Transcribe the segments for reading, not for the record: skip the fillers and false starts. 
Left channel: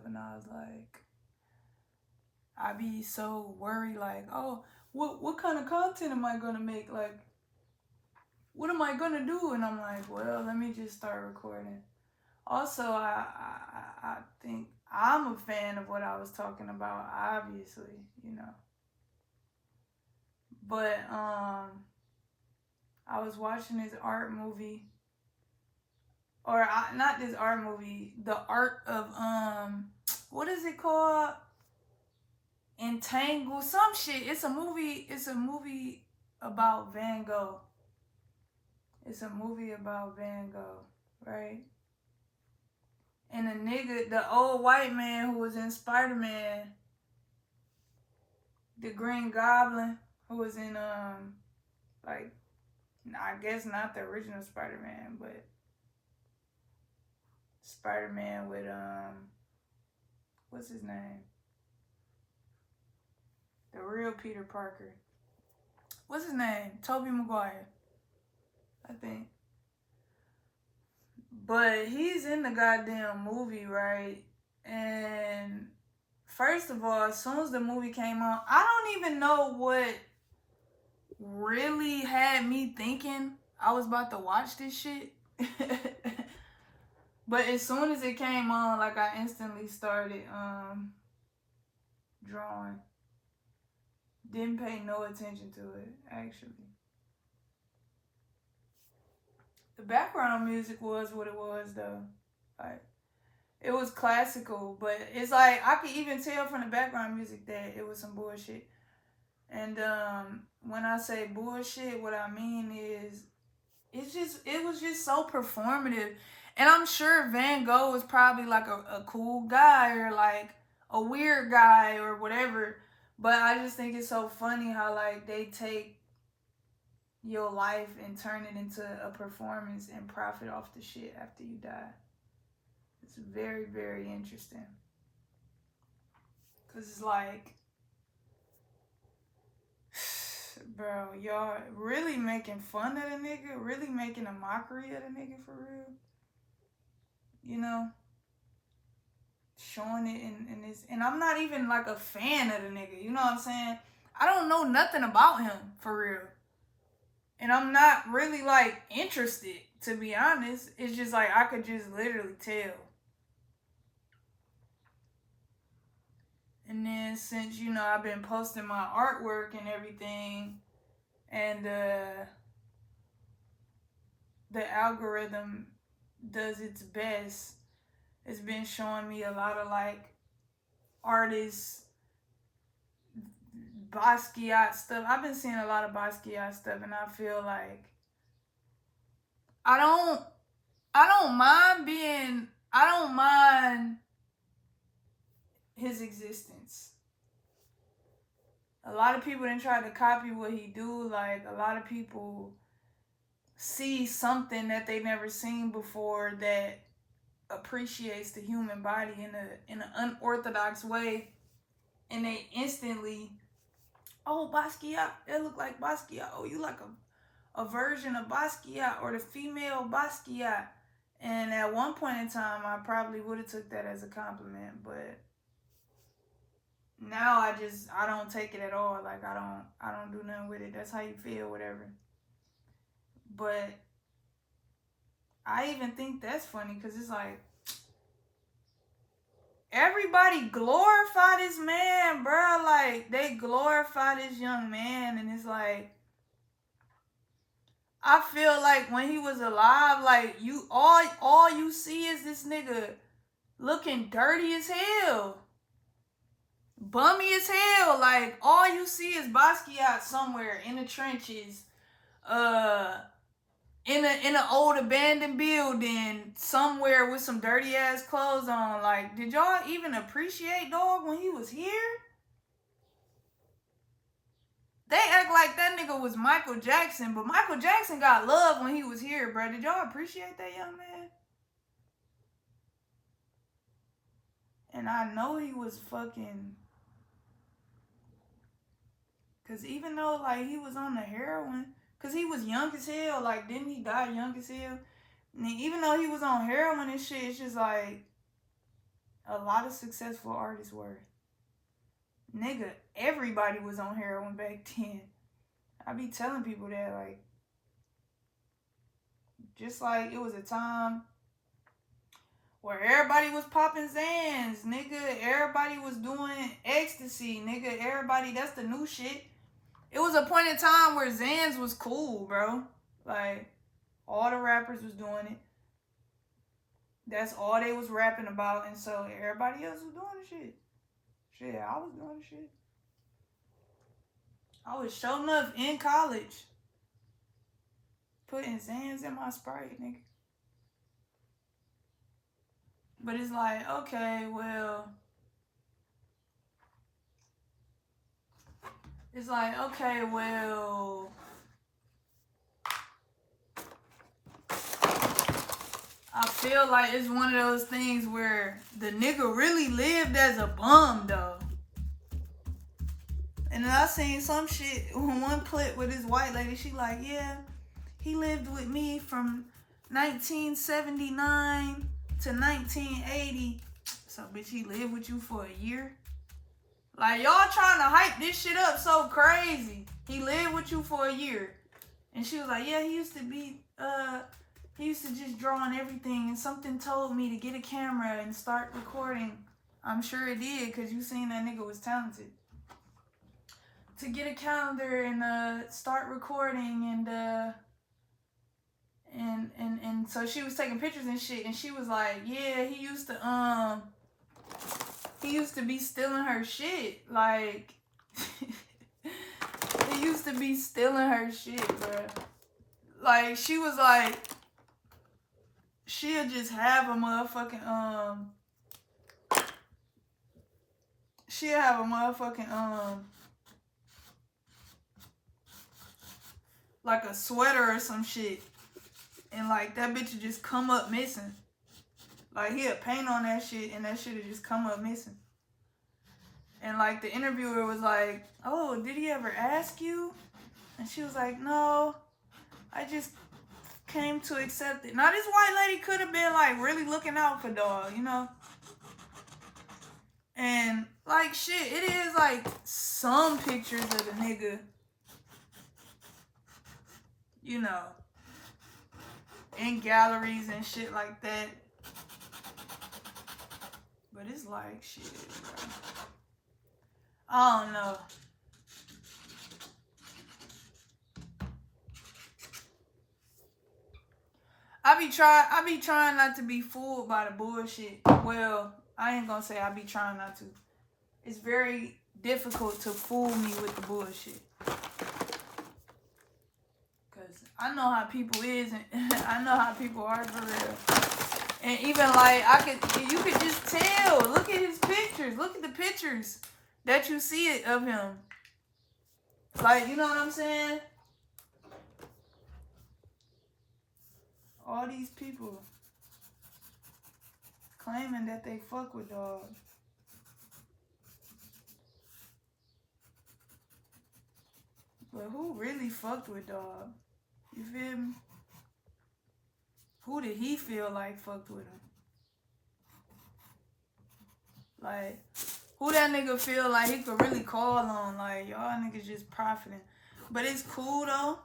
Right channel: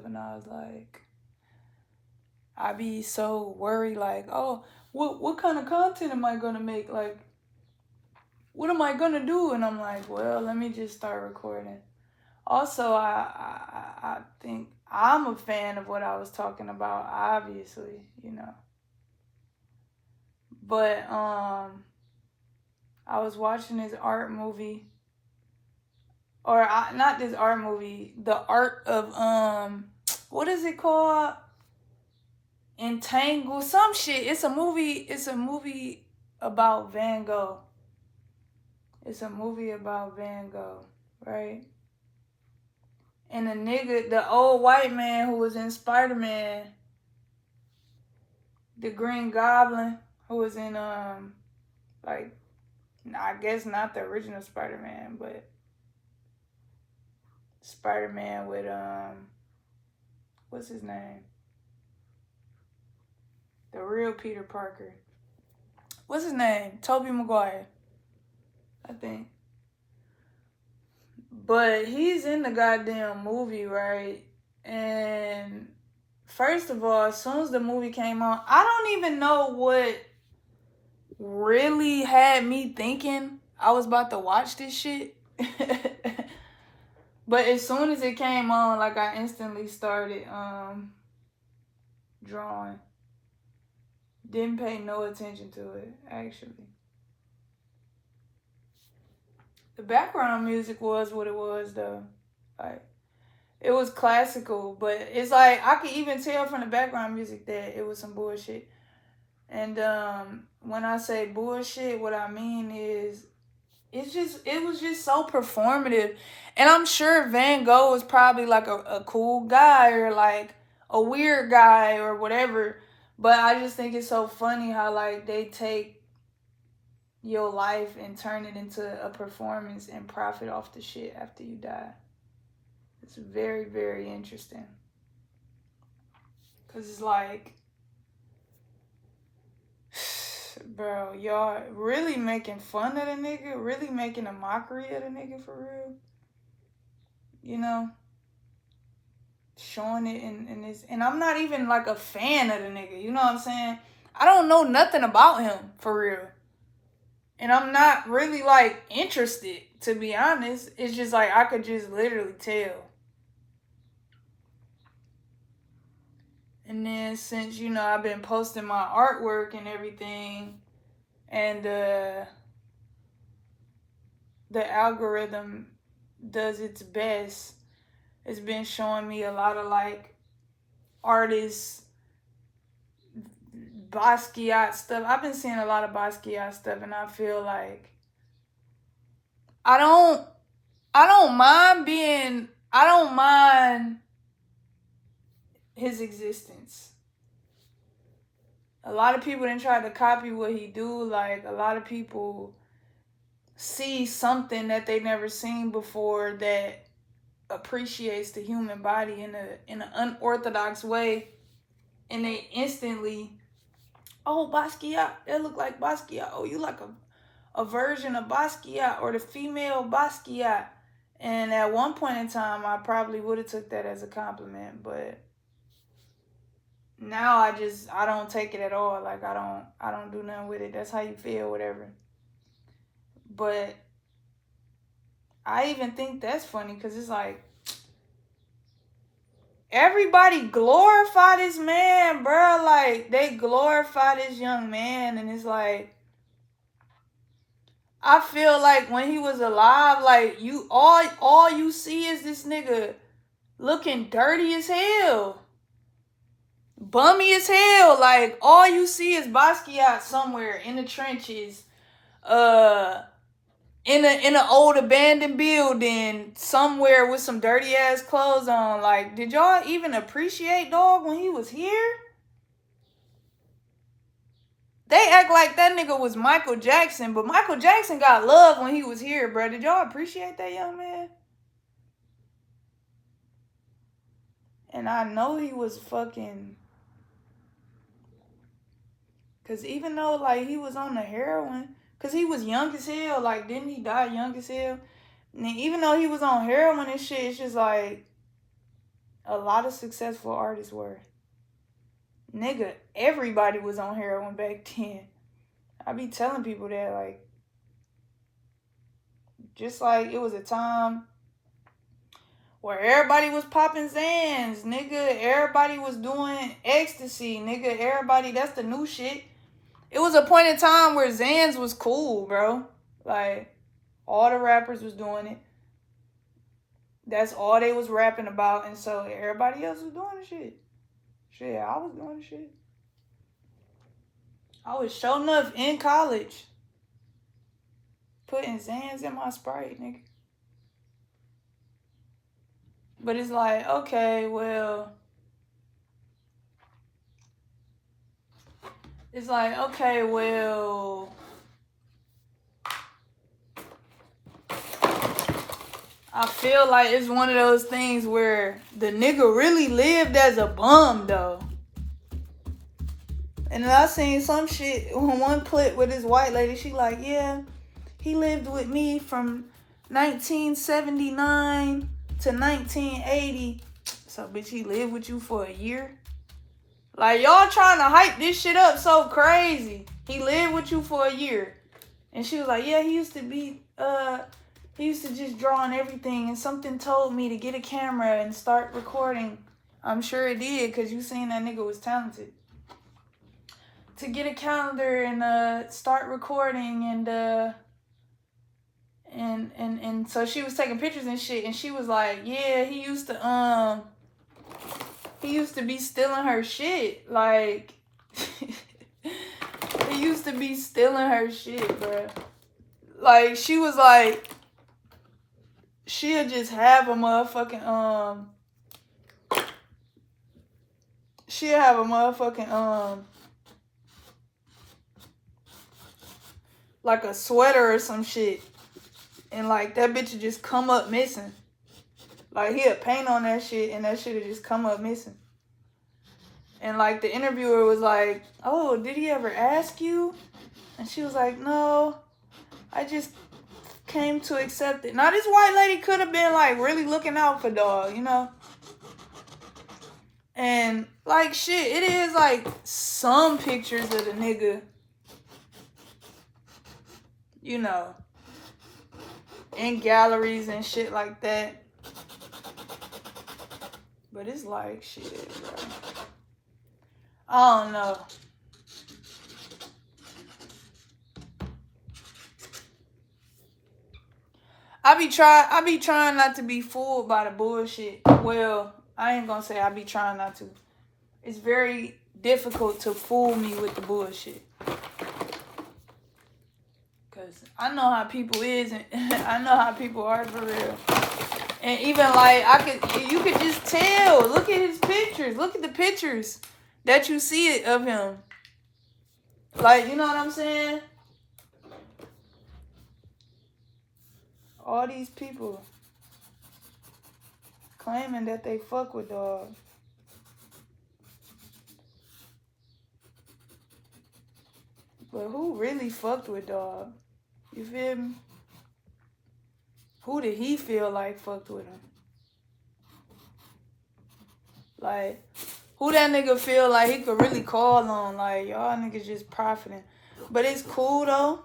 stuff, and I was like, I be so worried, like, oh, what kind of content am I gonna make? Like, what am I gonna do? And I'm like, well, let me just start recording. Also, I think I'm a fan of what I was talking about, obviously, you know. But I was watching this art movie, or not this art movie, the art of what is it called? Entangled, some shit. It's a movie. It's a movie about Van Gogh. It's a movie about Van Gogh, right? And the nigga, the old white man who was in Spider Man, the Green Goblin, who was in like, I guess not the original Spider Man, but Spider Man with what's his name? The real Peter Parker. What's his name? Tobey Maguire, I think. But he's in the goddamn movie, right? And first of all, as soon as the movie came on, I don't even know what really had me thinking I was about to watch this shit. But as soon as it came on, like, I instantly started drawing. Didn't pay no attention to it, actually. The background music was what it was, though. Like, it was classical, but it's like I could even tell from the background music that it was some bullshit. And when I say bullshit, what I mean is it was just so performative. And I'm sure Van Gogh was probably like a cool guy, or like a weird guy or whatever. But I just think it's so funny how, like, they take your life and turn it into a performance and profit off the shit after you die. It's very, very interesting. Cause it's like, bro, y'all really making fun of the nigga, really making a mockery of the nigga for real. You know, showing it in this, and I'm not even like a fan of the nigga. You know what I'm saying? I don't know nothing about him for real, and I'm not really like interested, to be honest. It's just like I could just literally tell. And then since, you know, I've been posting my artwork and everything, and the algorithm does its best, it's been showing me a lot of like artists, Basquiat stuff. I've been seeing a lot of Basquiat stuff, and I feel like I don't I don't mind being I don't mind his existence. A lot of people didn't try to copy what he do. Like, a lot of people see something that they never seen before that appreciates the human body in an unorthodox way, and they instantly, oh, Basquiat, that look like Basquiat. Oh, you like a version of Basquiat, or the female Basquiat. And at one point in time, I probably would have took that as a compliment, but now I don't take it at all. Like, I don't do nothing with it. That's how you feel, whatever. But I even think that's funny, because it's like, everybody glorify this man, bro. Like, they glorify this young man, and it's like, I feel like when he was alive, like, you all you see is this nigga looking dirty as hell, bummy as hell. Like, all you see is Basquiat somewhere in the trenches, uh, in an old abandoned building somewhere with some dirty ass clothes on. Like, did y'all even appreciate dog when he was here? They act like that nigga was Michael Jackson, but Michael Jackson got love when he was here, bro. Did y'all appreciate that young man? And I know he was fucking, cause even though, like, he was on the heroin, cause he was young as hell. Like, didn't he die young as hell? And even though he was on heroin and shit, it's just like, a lot of successful artists were. Nigga, everybody was on heroin back then. I be telling people that, like, just like it was a time where everybody was popping Xans, nigga. Everybody was doing ecstasy, nigga. Everybody, that's the new shit. It was a point in time where Xans was cool, bro. Like, all the rappers was doing it. That's all they was rapping about, and so everybody else was doing the shit. Shit, I was doing the shit. I was showing up in college, putting Xans in my Sprite, nigga. But it's like, okay, well, it's like, okay, well, I feel like it's one of those things where the nigga really lived as a bum, though. And then I seen some shit, one clip with this white lady, she like, yeah, he lived with me from 1979 to 1980. So, bitch, he lived with you for a year? Like, y'all trying to hype this shit up so crazy. He lived with you for a year. And she was like, yeah, he used to just draw on everything. And something told me to get a camera and start recording. I'm sure it did, because you seen that nigga was talented. To get a calendar and start recording and so she was taking pictures and shit, and she was like, yeah, he used to be stealing her shit. Like, he used to be stealing her shit, bro. Like, she was like, she'll just have a motherfucking, she'll have a motherfucking, like a sweater or some shit. And, like, that bitch would just come up missing. Like, he'll paint on that shit, and that shit would just come up missing. And, like, the interviewer was like, oh, did he ever ask you? And she was like, no, I just came to accept it. Now, this white lady could have been, like, really looking out for dog, you know? And, like, shit, it is, like, some pictures of the nigga, you know, in galleries and shit like that. But it's like, shit, bro. I don't know. I be trying not to be fooled by the bullshit. Well, I ain't gonna say I be trying not to. It's very difficult to fool me with the bullshit. Cause I know how people is, and I know how people are for real. And even like you could just tell. Look at his pictures. Look at the pictures that you see it of him. Like, you know what I'm saying? All these people claiming that they fuck with dog. But who really fucked with dog? You feel me? Who did he feel like fucked with him? Like, who that nigga feel like he could really call on? Like, y'all niggas just profiting. But it's cool, though.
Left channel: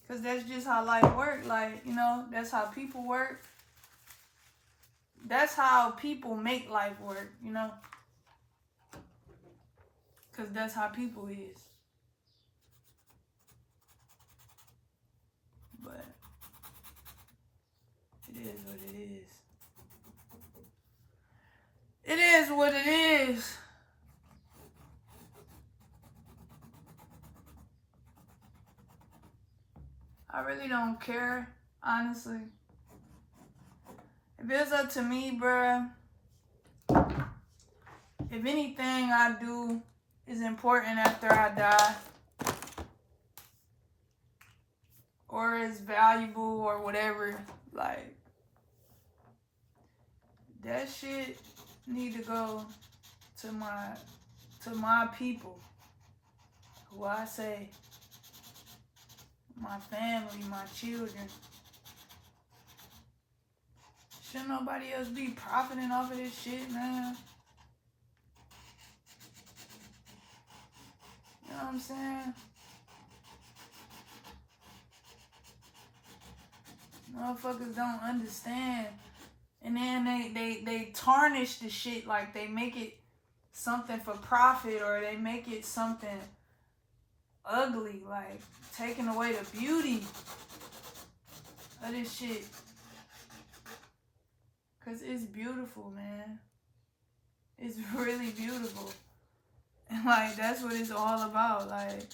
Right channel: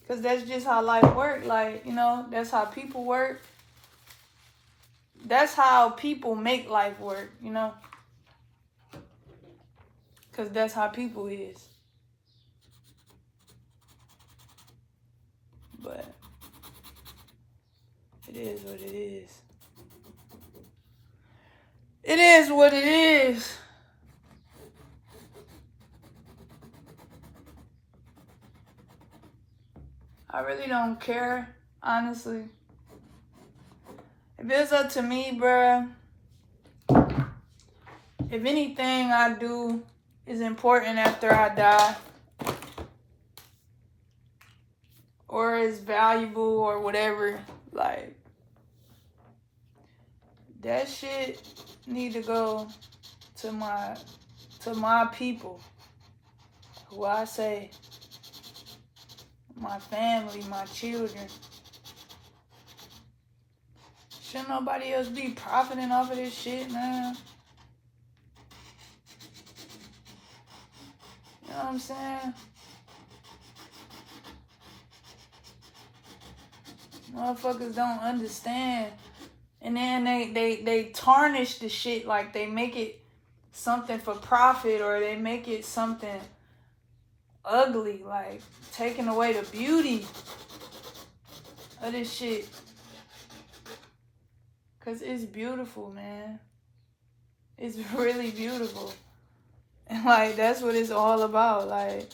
Because that's just how life works. Like, you know, that's how people work. That's how people make life work, you know? Because that's how people is. But it is what it is. It is what it is. I really don't care, honestly. If it's up to me, bruh, if anything I do is important after I die, or is valuable or whatever, like, that shit need to go to my people, who I say, my family, my children. Shouldn't nobody else be profiting off of this shit, man? You know what I'm saying? Motherfuckers don't understand. And then they tarnish the shit, like they make it something for profit, or they make it something ugly, like taking away the beauty of this shit. Cause it's beautiful, man. It's really beautiful. And like that's what it's all about, like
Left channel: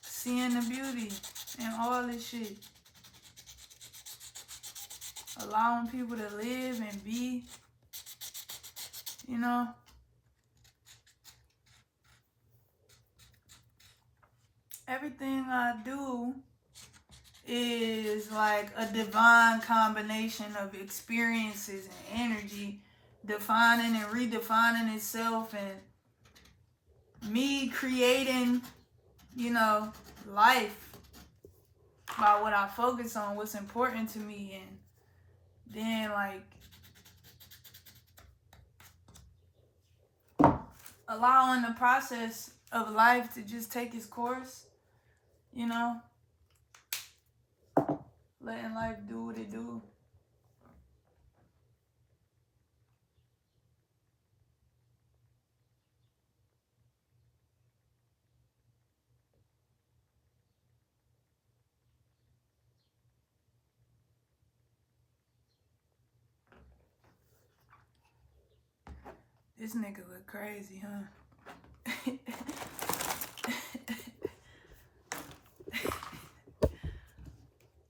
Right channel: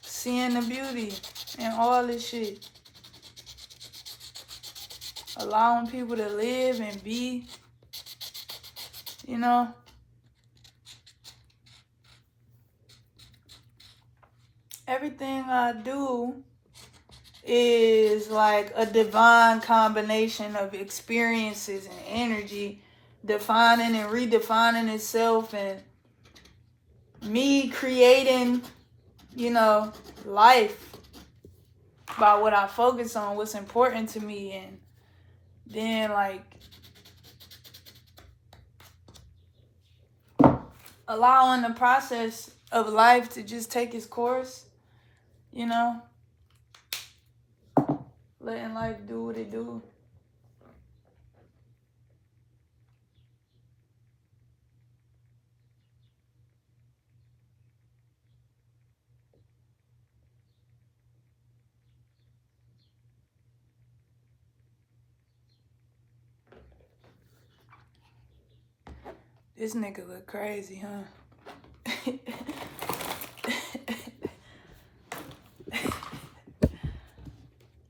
seeing the beauty in all this shit. Allowing people to live and be, you know. Everything I do is like a divine combination of experiences and energy defining and redefining itself, and me creating, you know, life by what I focus on, what's important to me, and then like allowing the process of life to just take its course, you know, letting life do what it do. This nigga look crazy, huh?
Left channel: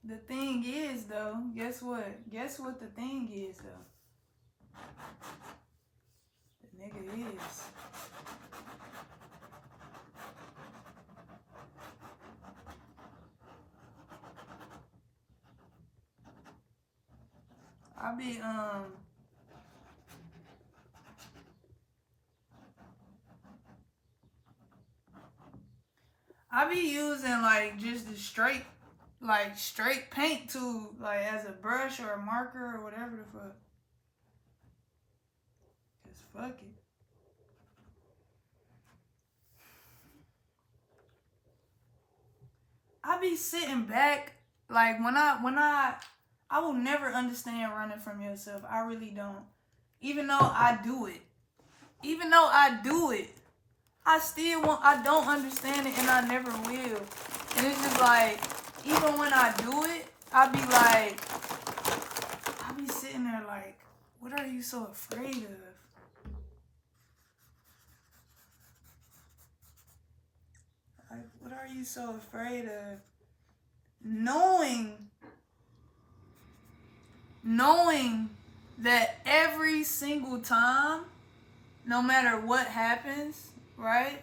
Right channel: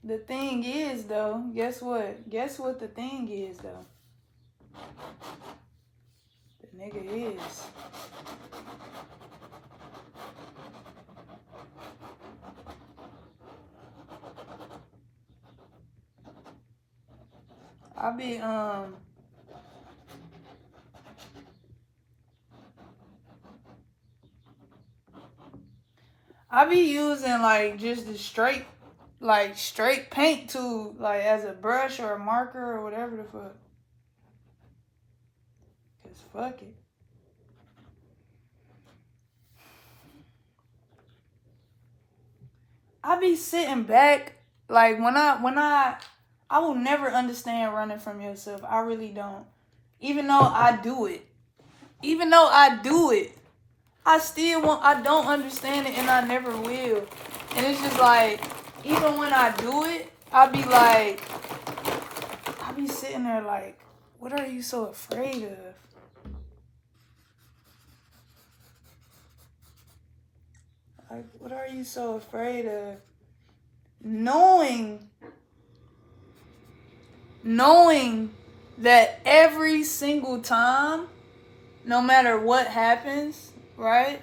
The thing is, though, guess what? Guess what the thing is, though? The nigga is. I be using like just the straight paint tool, like as a brush or a marker or whatever the fuck. Cause fuck it. I be sitting back, like when I will never understand running from yourself. I really don't. Even though I do it. I don't understand it, and I never will. And it's just like, even when I do it, I be sitting there like, what are you so afraid of? Like, what are you so afraid of? Knowing that every single time, no matter what happens, right?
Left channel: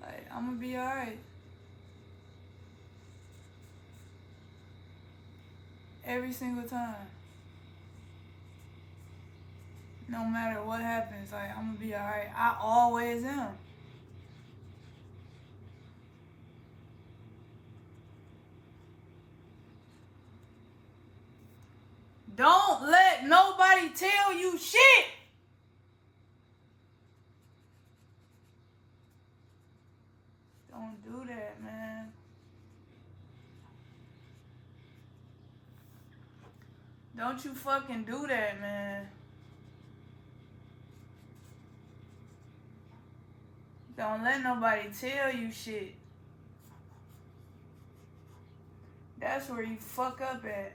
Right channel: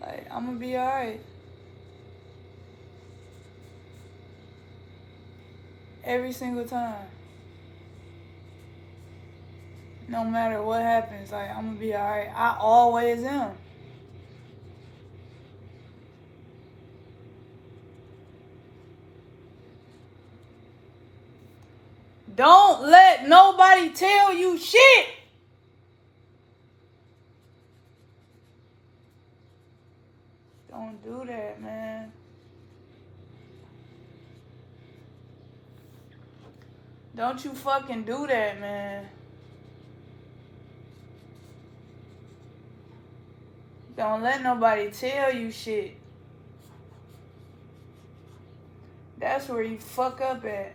Like, I'm gonna be alright. Every single time. No matter what happens, like, I'm gonna be alright. I always am. Don't let nobody tell you shit. Don't do that, man. Don't you fucking do that, man. Don't let nobody tell you shit. That's where you fuck up at.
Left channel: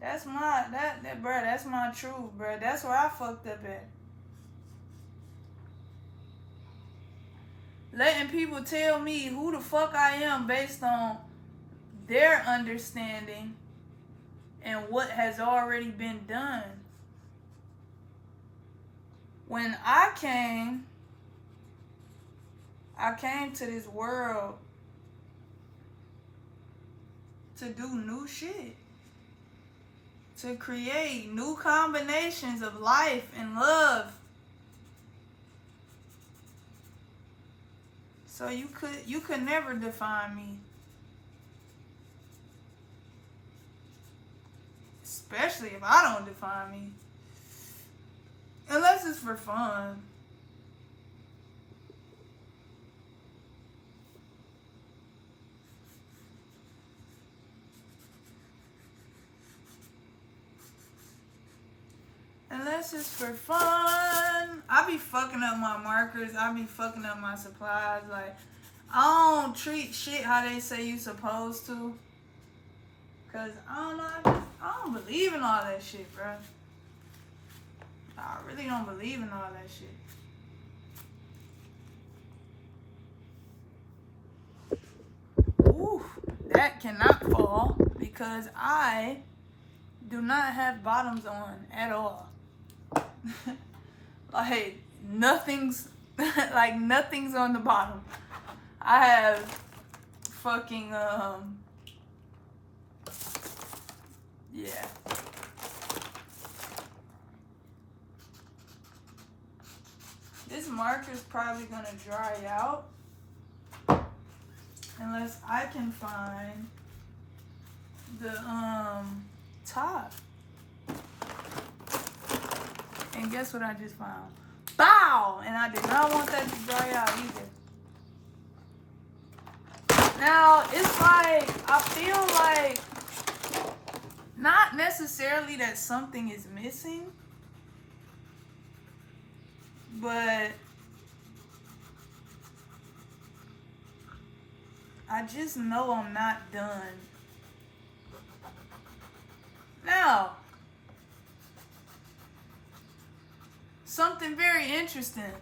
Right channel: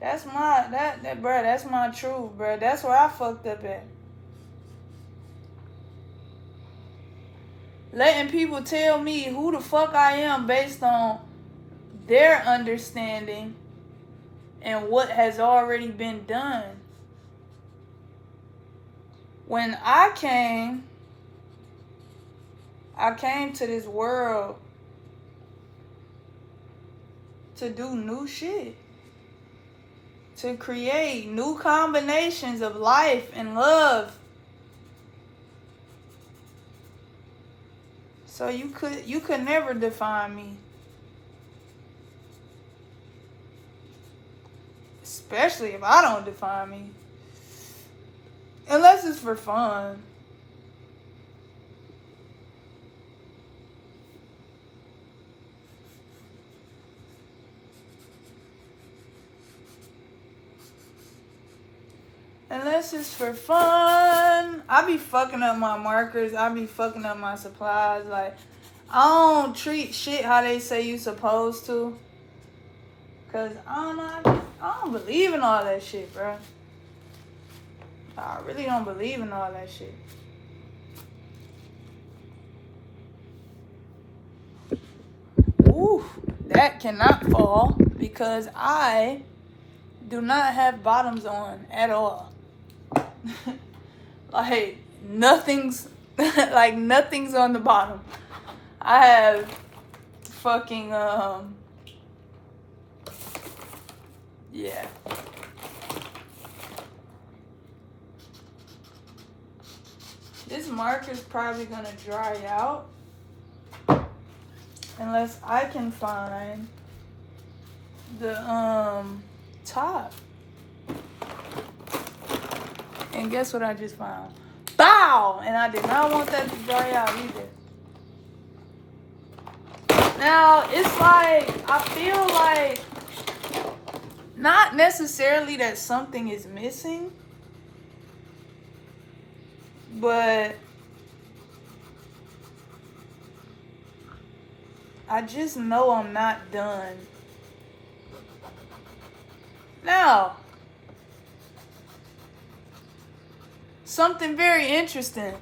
That's my bruh, that's my truth, bruh. That's where I fucked up at. Letting people tell me who the fuck I am based on their understanding and what has already been done. When I came to this world to do new shit. To create new combinations of life and love. So you could never define me. Especially if I don't define me. Unless it's for fun. Unless it's for fun. I be fucking up my markers. I be fucking up my supplies. Like, I don't treat shit how they say you supposed to. Cause I don't know. I don't believe in all that shit, bro. I really don't believe in all that shit. Ooh, that cannot fall because I do not have bottoms on at all. Like nothing's like nothing's on the bottom. I have fucking yeah. This marker's probably gonna dry out unless I can find the top. And guess what I just found? Bow! And I did not want that to dry out either. Now, it's like, I feel like, not necessarily that something is missing, but I just know I'm not done. Now, something very interesting.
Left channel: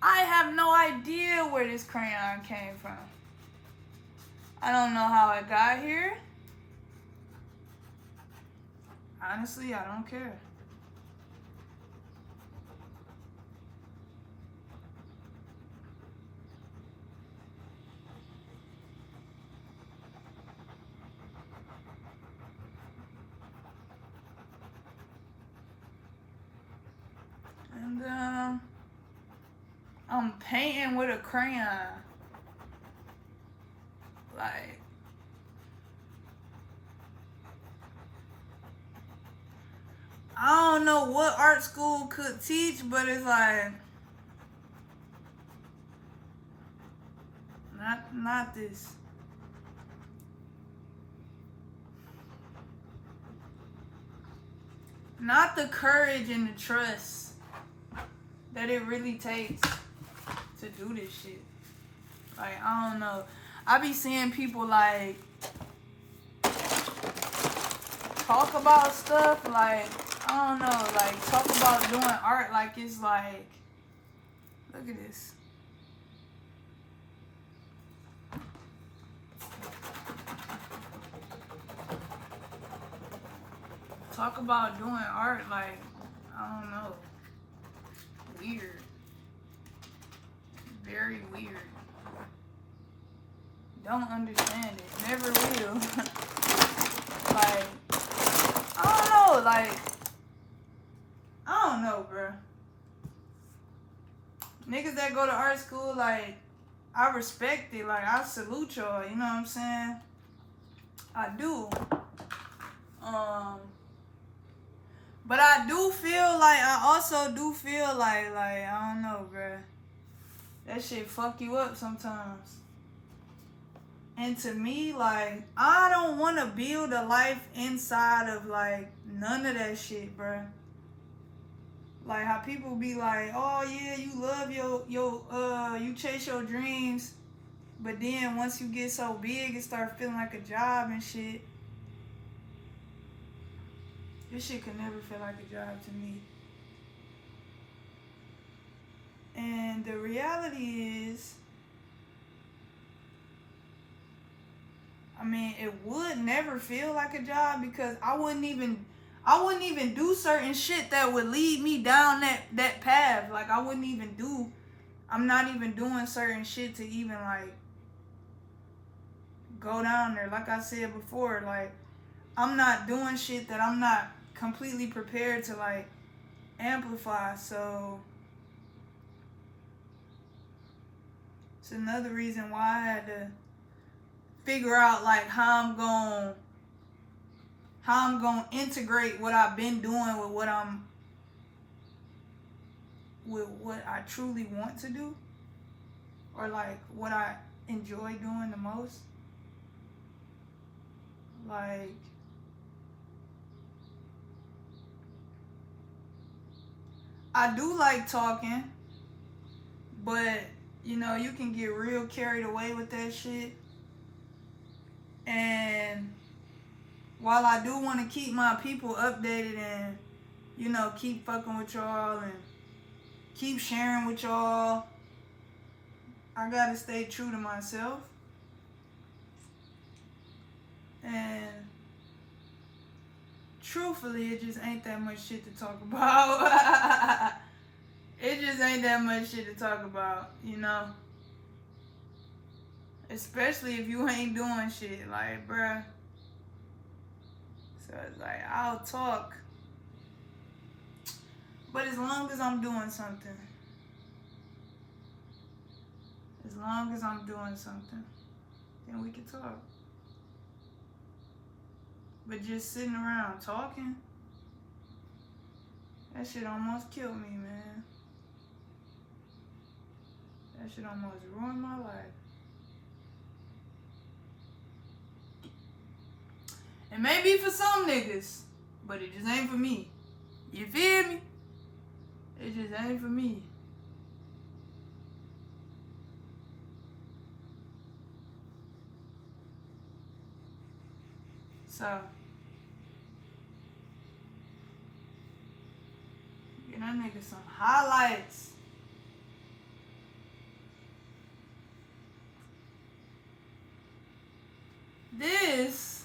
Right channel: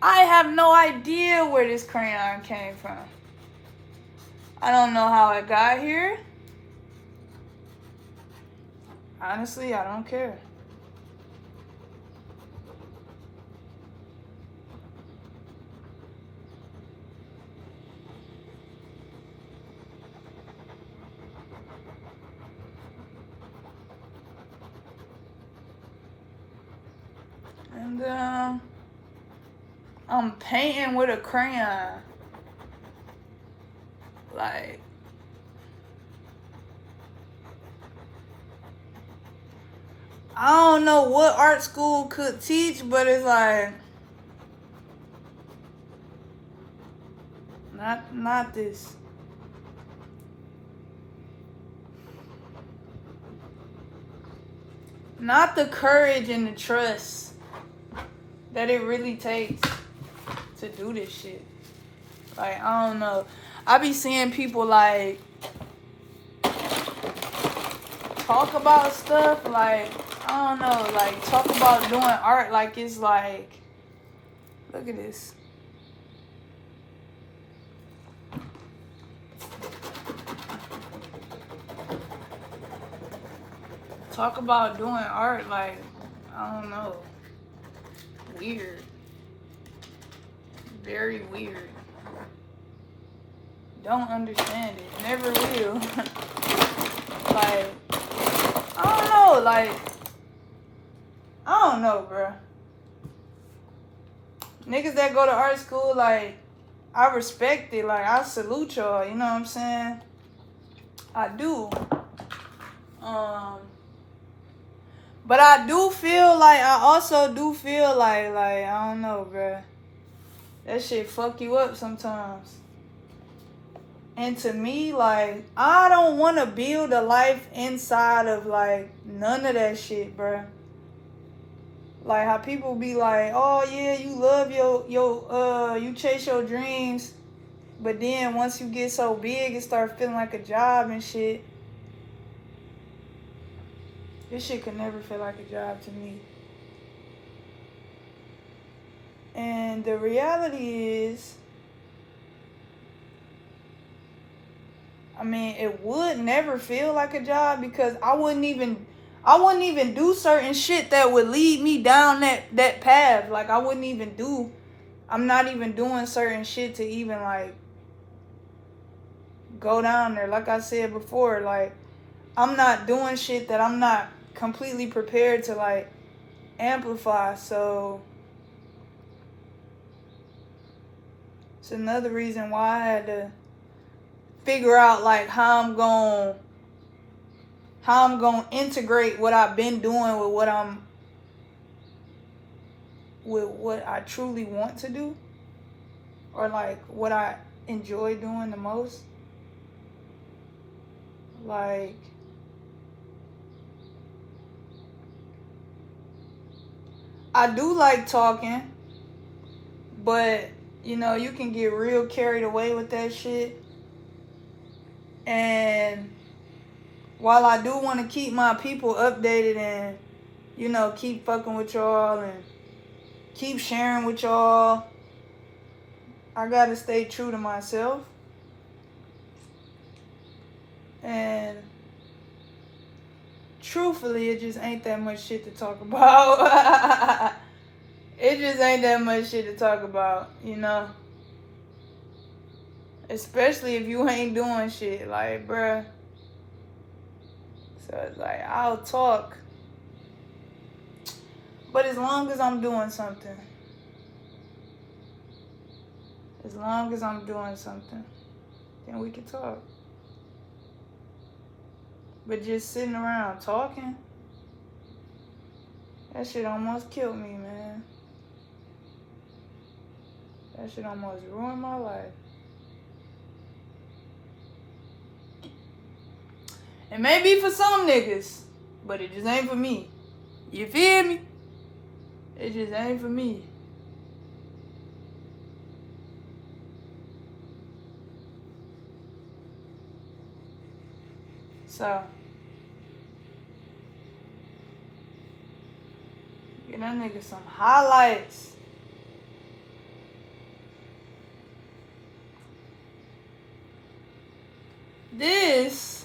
I have no idea where this crayon came from. I don't know how it got here. Honestly, I don't care. And I'm painting with a crayon. Like, I don't know what art school could teach, but it's like, not this. Not the courage and the trust that it really takes to do this shit. Like, I don't know. I be seeing people like talk about stuff like, I don't know, like talk about doing art like it's like, look at this. Talk about doing art like, I don't know, weird. Very weird. Don't understand it. Never will. Like, I don't know. Like, I don't know, bro. Niggas that go to art school, like, I respect it. Like, I salute y'all. You know what I'm saying? I do. But I do feel like, I also do feel like, I don't know, bro. That shit fuck you up sometimes. And to me, like, I don't want to build a life inside of, like, none of that shit, bro. Like, how people be like, oh, yeah, you love you chase your dreams. But then once you get so big, it starts feeling like a job and shit. This shit could never feel like a job to me. And the reality is, I mean, it would never feel like a job because I wouldn't even do certain shit that would lead me down that path. Like, I'm not even doing certain shit to even, like, go down there. Like I said before, like, I'm not doing shit that I'm not completely prepared to, like, amplify. So it's another reason why I had to figure out, like, how how I'm gonna integrate what I've been doing with what I truly want to do, or like what I enjoy doing the most. Like, I do like talking, but you know, you can get real carried away with that shit. And while I do want to keep my people updated and, you know, keep fucking with y'all and keep sharing with y'all, I gotta stay true to myself. And truthfully, it just ain't that much shit to talk about. It just ain't that much shit to talk about, you know? Especially if you ain't doing shit, like, bruh. So it's like, I'll talk. But as long as I'm doing something. As long as I'm doing something, then we can talk. But just sitting around talking, that shit almost killed me, man. That shit almost ruined my life. It may be for some niggas, but it just ain't for me. You feel me? It just ain't for me. So, get that nigga some highlights. This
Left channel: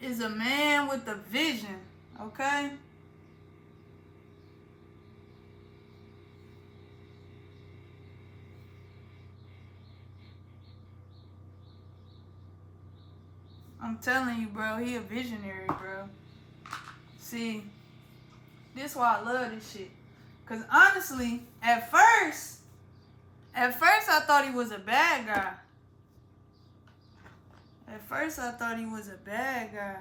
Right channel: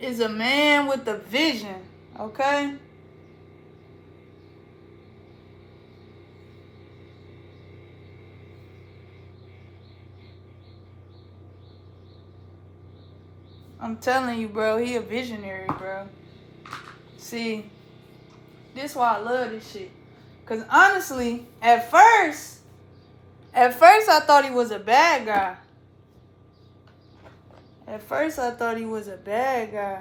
is a man with a vision, okay? I'm telling you, bro, he a visionary, bro. See, this is why I love this shit. Cause honestly, at first I thought he was a bad guy. At first I thought he was a bad guy.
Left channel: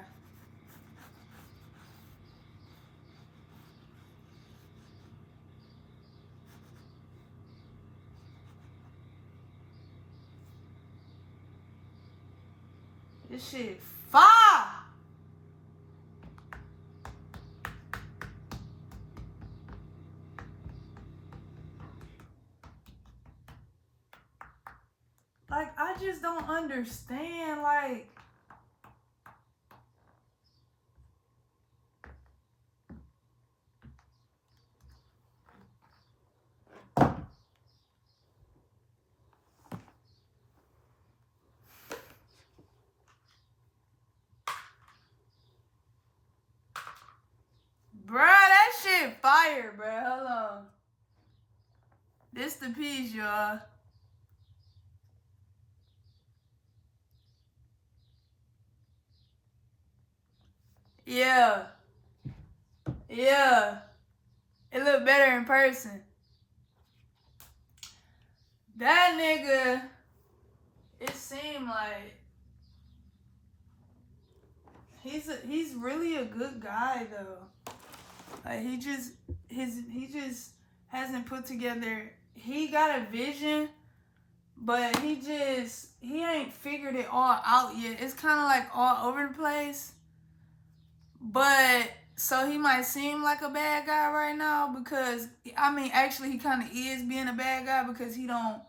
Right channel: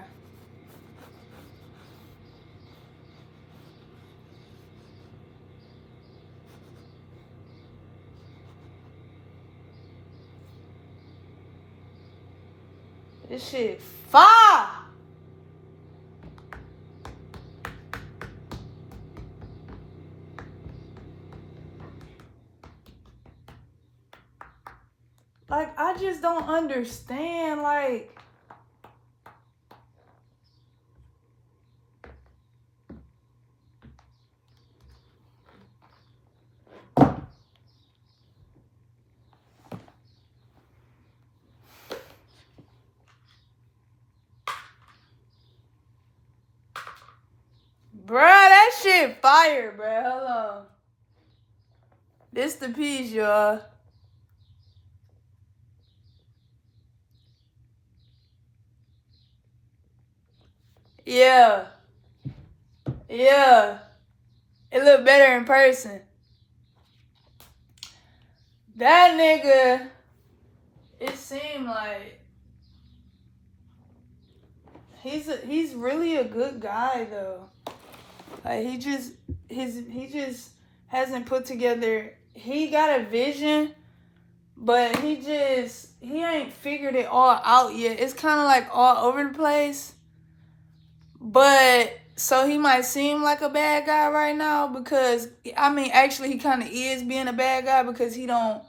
This shit fire. Like, I just don't understand, like, bruh, that shit fire, bruh. Hold on. This the piece, y'all. Yeah. Yeah. It look better in person. That nigga, it seemed like he's really a good guy though. Like he just hasn't put together. He got a vision, but he ain't figured it all out yet. It's kind of like all over the place. But so he might seem like a bad guy right now because I mean actually he kind of is being a bad guy because he don't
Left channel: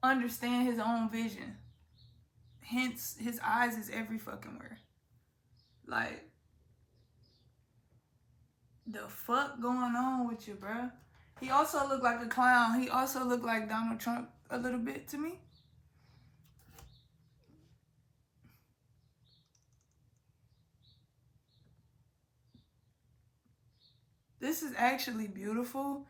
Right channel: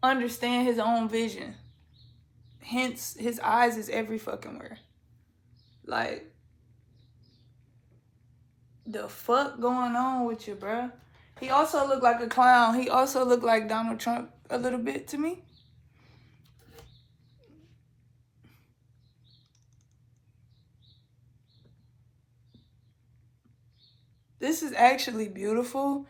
understand his own vision. Hence his eyes is every fucking where. Like, the fuck going on with you, bruh? He also looked like a clown. He also looked like Donald Trump a little bit to me. This is actually beautiful.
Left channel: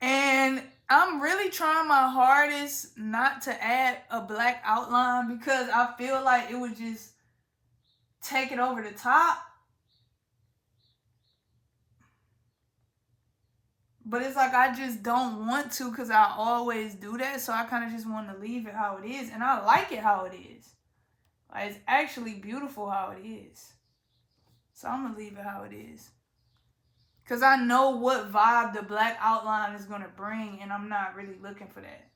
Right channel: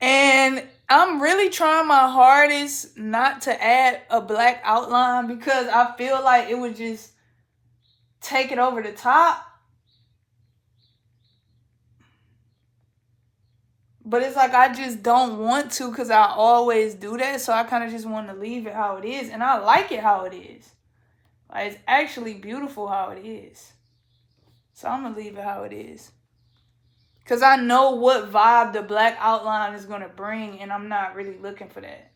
And I'm really trying my hardest not to add a black outline because I feel like it would just take it over the top. But it's like I just don't want to because I always do that. So I kind of just want to leave it how it is. And I like it how it is. Like, it's actually beautiful how it is. So I'm gonna leave it how it is. Cause I know what vibe the black outline is gonna bring, and I'm not really looking for that.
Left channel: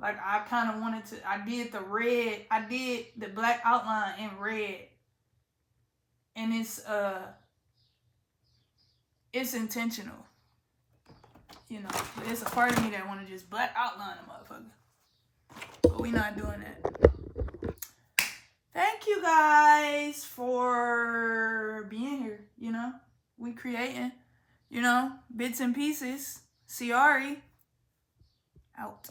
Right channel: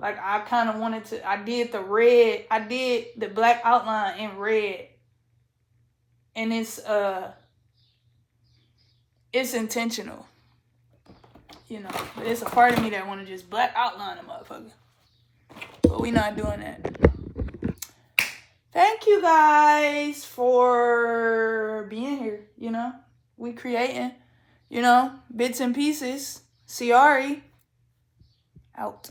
Like, I kind of wanted to. I did the red. I did the black outline in red, and it's intentional. You know, but it's a part of me that want to just black outline a motherfucker. But we not doing that. Thank you guys for being here. You know, we creating. You know, bits and pieces. Ciari out.